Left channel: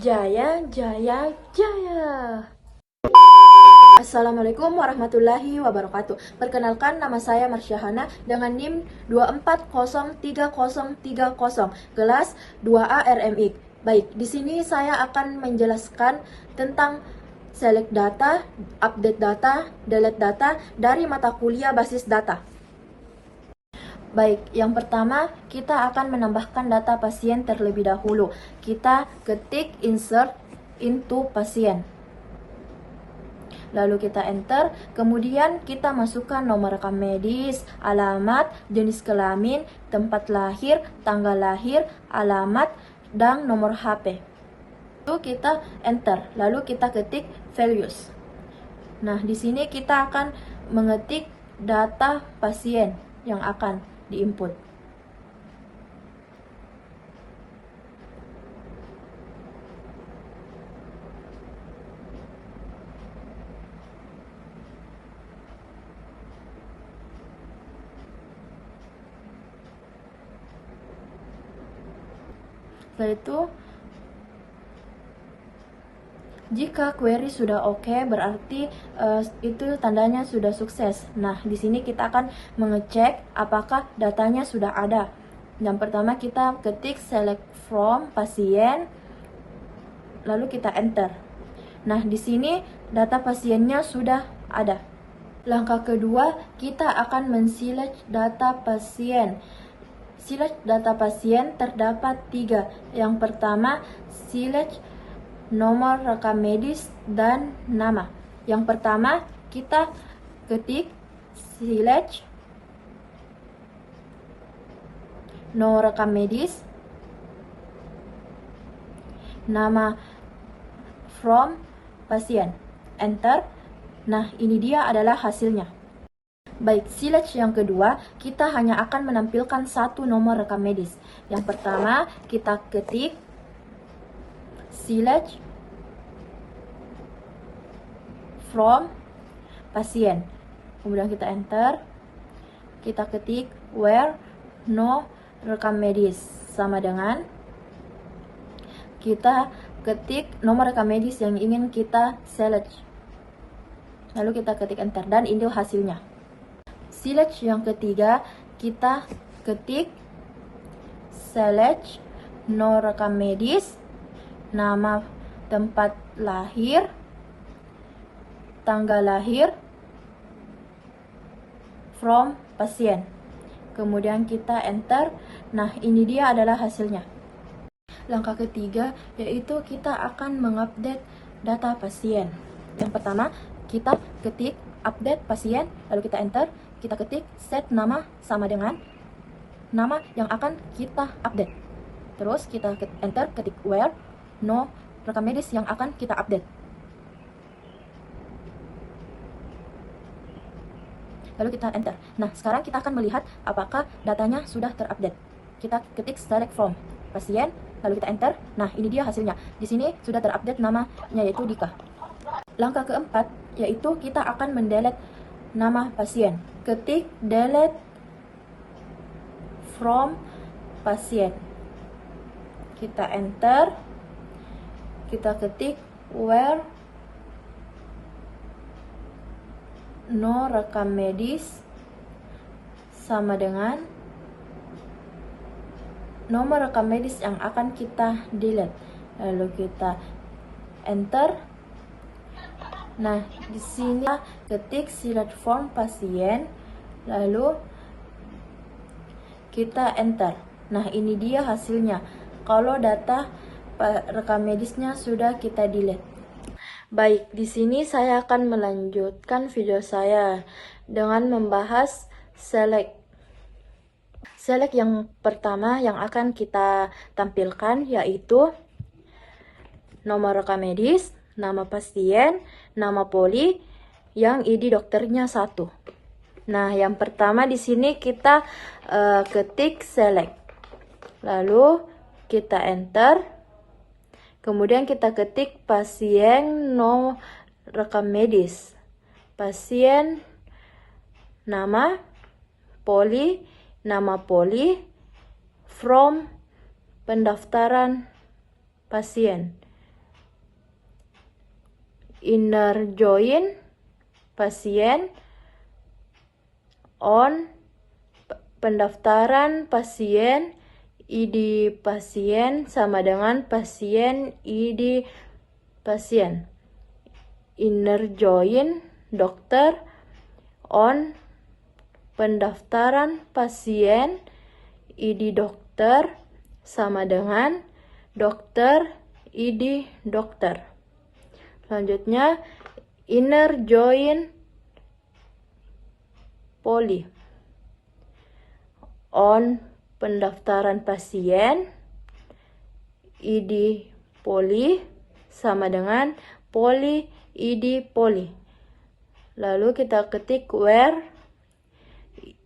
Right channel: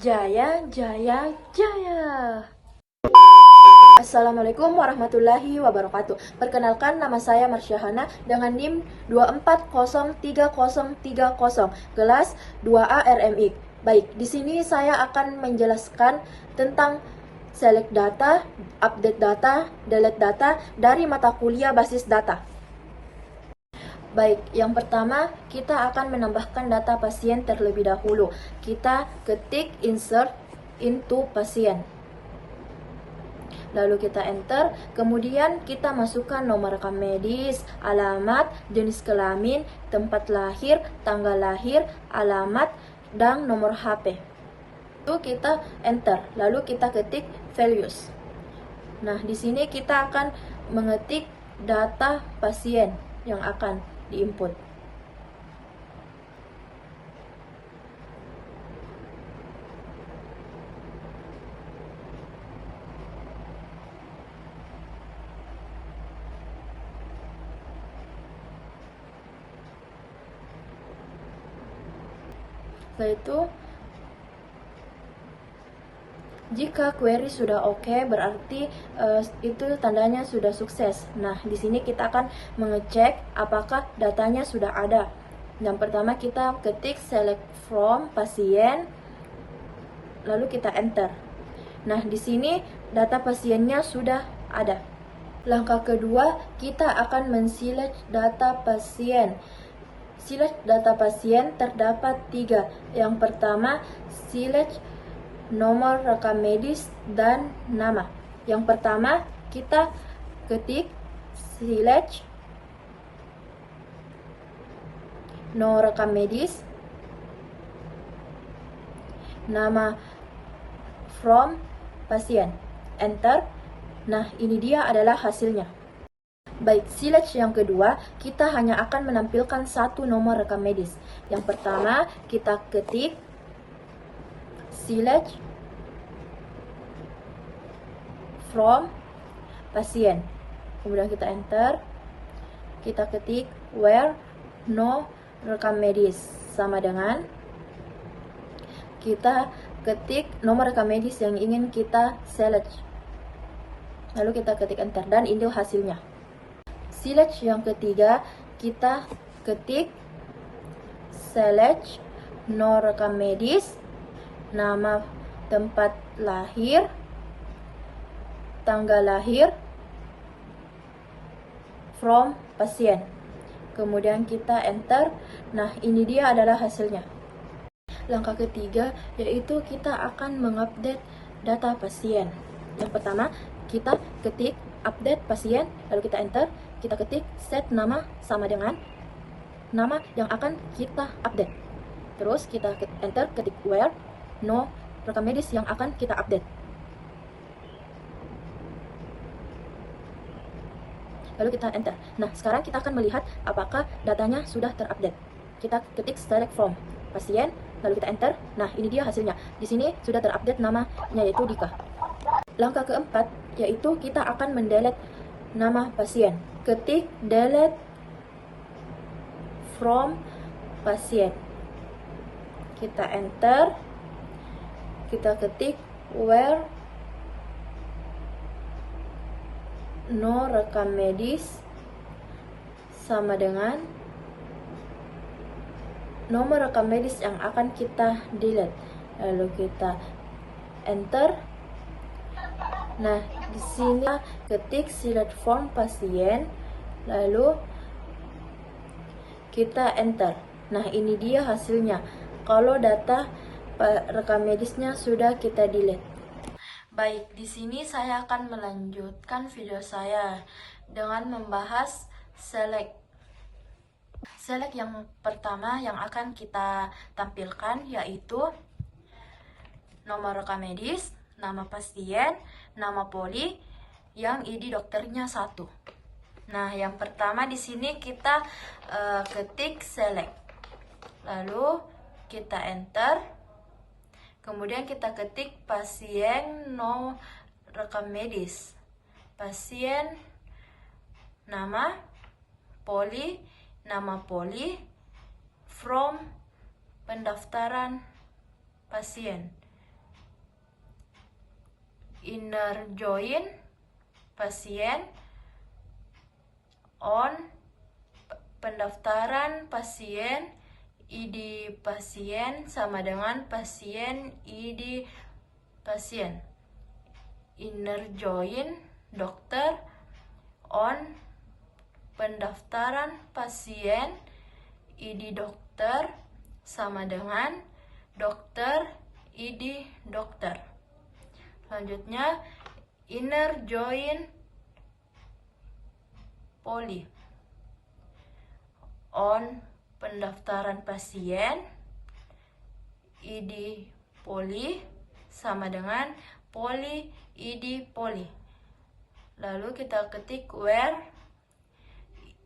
Jaya, Jaya, Jaya. Assalamualaikum warahmatullahi wabarakatuh. Perkenalkan, nama saya Marsyahana dengan NIM 2403030, kelas 2A RMI. Baik, di sini saya akan menjelaskan tentang select data, update data, delete data dari mata kuliah basis data. Baik, yang pertama kita akan menambahkan data pasien terlebih dahulu. Kita ketik insert into pasien. Lalu kita enter, kemudian kita masukkan nomor rekam medis, alamat, jenis kelamin, tempat lahir, tanggal lahir, alamat, dan nomor HP. Lalu kita enter, lalu kita ketik values. Nah, di sini kita akan mengetik data pasien yang akan diinput. Setelah itu, jika query sudah oke, berarti itu tandanya sudah sukses. Nah, di sini kita akan mengecek apakah datanya sudah ada. Yang pertama kita ketik select from pasien, lalu kita enter. Nah, di sini data pasiennya sudah ada. Langkah kedua, kita akan men-select data pasien. Select data pasien terdapat 3. Yang pertama, select nomor rekam medis dan nama. Yang pertama, kita ketik select nomor rekam medis, nama from pasien, enter. Nah, ini dia adalah hasilnya. Baik, select yang kedua, kita hanya akan menampilkan satu nomor rekam medis. Yang pertama, kita ketik select from pasien. Kemudian kita enter. Kita ketik where no rekam medis, sama dengan kita ketik nomor rekam medis yang ingin kita select. Lalu kita ketik enter dan ini hasilnya. Select yang ketiga, kita ketik select no rekam medis, nama tempat lahir, tanggal lahir, from pasien. Kemudian kita enter. Nah, ini dia adalah hasilnya. Langkah ketiga yaitu kita akan mengupdate data pasien. Yang pertama, kita ketik update pasien, lalu kita enter. Kita ketik set nama sama dengan nama yang akan kita update. Terus kita enter, ketik where no rekam medis yang akan kita update. Lalu kita enter. Nah, sekarang kita akan melihat apakah datanya sudah terupdate. Kita ketik select from pasien, lalu kita enter. Nah, ini dia hasilnya. Di sini sudah terupdate namanya yaitu Dika. Langkah keempat yaitu kita akan mendelete nama pasien. Ketik delete from pasien. Kita enter. Kita ketik where no rekam medis sama dengan nomor rekam medis yang akan kita delete. Lalu kita enter. Nah, di sini ketik select from pasien, lalu kita enter. Nah, ini dia hasilnya. Kalau data rekam medisnya sudah kita delete. Baik, di sini saya akan melanjutkan video saya dengan membahas select. Select yang pertama yang akan kita tampilkan yaitu nomor rekam medis, nama pasien, nama poli, yang ID dokternya 1. Nah, yang pertama di sini kita ketik select. Lalu kita enter. Kemudian kita ketik pasien no rekam medis. Pasien nama poli, nama poli, from pendaftaran pasien. inner join pasien, on pendaftaran pasien, ID pasien sama dengan pasien ID pasien. Inner join dokter, on pendaftaran pasien, ID dokter sama dengan dokter ID dokter. Selanjutnya inner join poli, on pendaftaran pasien, ID poli sama dengan poli ID poli. Lalu kita ketik where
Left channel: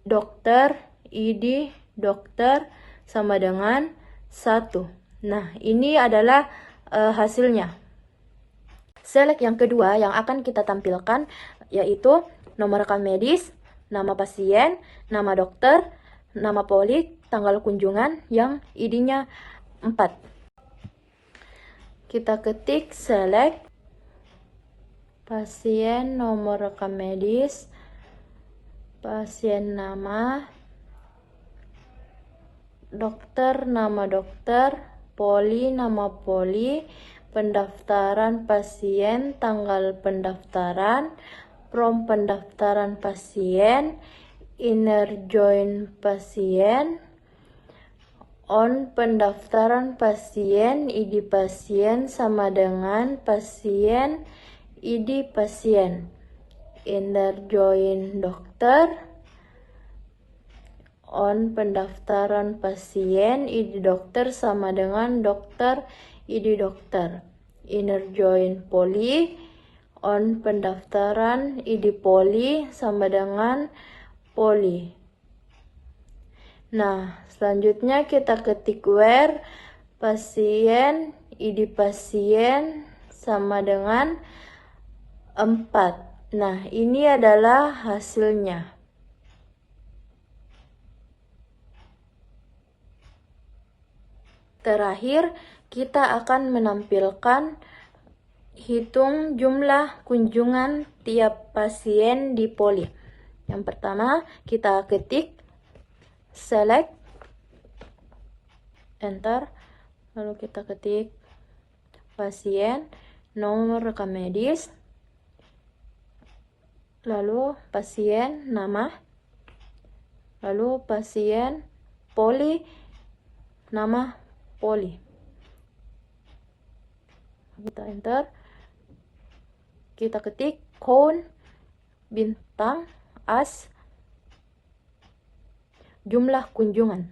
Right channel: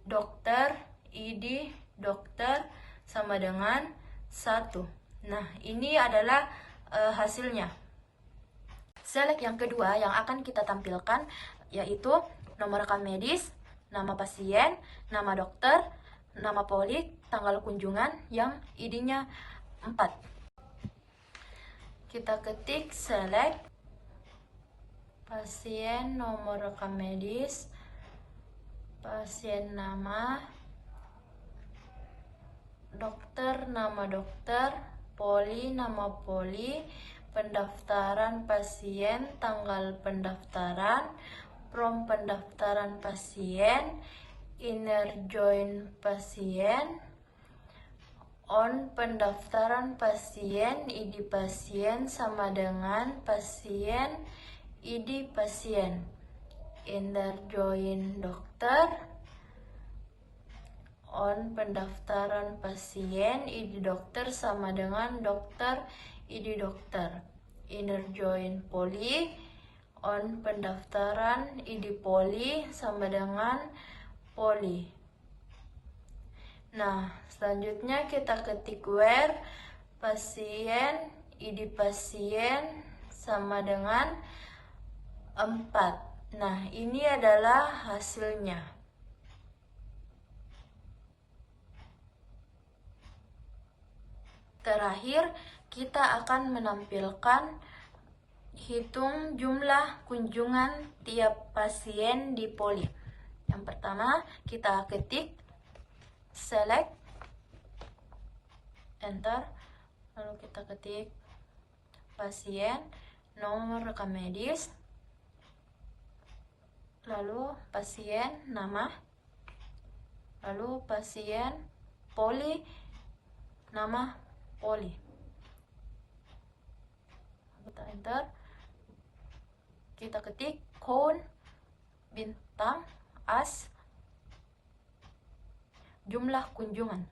dokter ID dokter sama dengan 1. Nah, ini adalah hasilnya. Select yang kedua yang akan kita tampilkan yaitu nomor rekam medis, nama pasien, nama dokter, nama poli, tanggal kunjungan yang ID-nya 4. Kita ketik select pasien, nomor rekam medis, pasien nama, dokter nama dokter, poli nama poli, pendaftaran pasien, tanggal pendaftaran, from pendaftaran pasien, inner join pasien, on pendaftaran pasien, ID pasien sama dengan pasien, ID pasien, inner join dokter, on pendaftaran pasien, ID dokter sama dengan dokter, ID dokter, inner join poli, on pendaftaran ID poli sama dengan poli. Nah, selanjutnya kita ketik where pasien, ID pasien sama dengan 4. Nah, ini adalah hasilnya. Terakhir, kita akan menampilkan hitung jumlah kunjungan tiap pasien di poli. Yang pertama, kita ketik select, enter, lalu kita ketik pasien, nomor rekam medis, lalu pasien nama, lalu pasien poli, nama poli. Kita enter, kita ketik count bintang as jumlah kunjungan.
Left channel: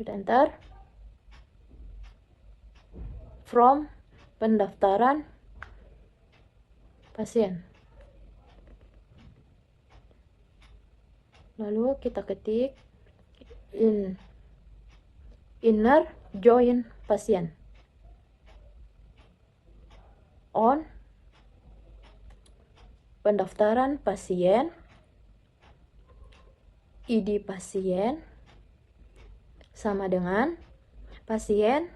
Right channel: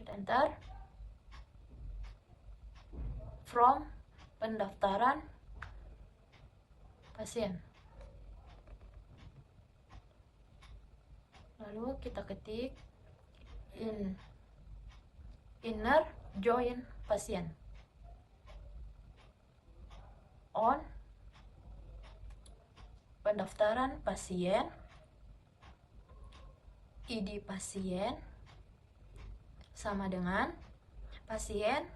Kita enter, from pendaftaran pasien. Lalu kita ketik inner join pasien, on pendaftaran pasien, ID pasien sama dengan pasien,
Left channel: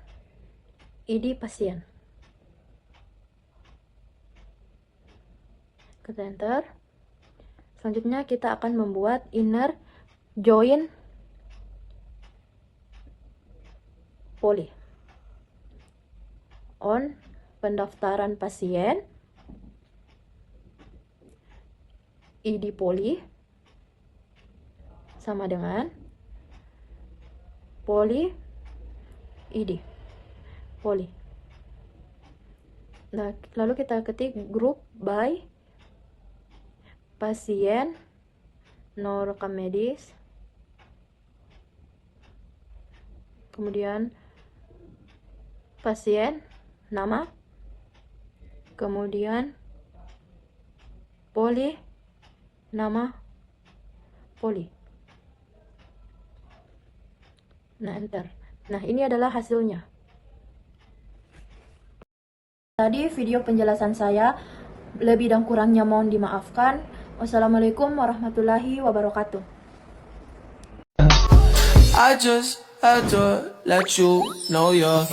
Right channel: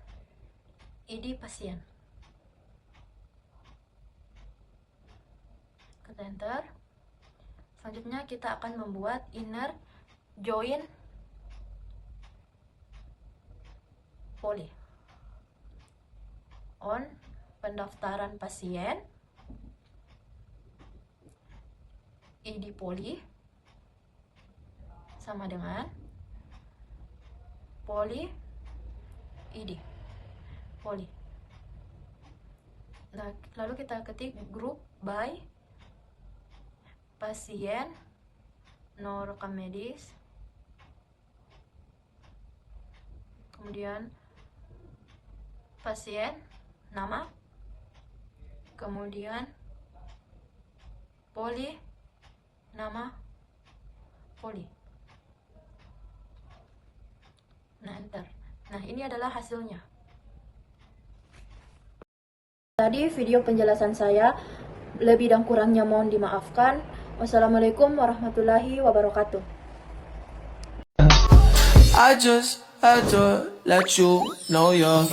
ID pasien. Kita enter. Selanjutnya kita akan membuat inner join poli, on pendaftaran pasien, ID poli sama dengan poli ID poli. Nah, lalu kita ketik group by pasien, nomor rekam medis, kemudian pasien nama, kemudian poli nama poli. Nah, enter. Nah, ini adalah hasilnya. Tadi video penjelasan saya, lebih dan kurangnya mohon dimaafkan. Wassalamualaikum warahmatullahi wabarakatuh. I just had to let you know you're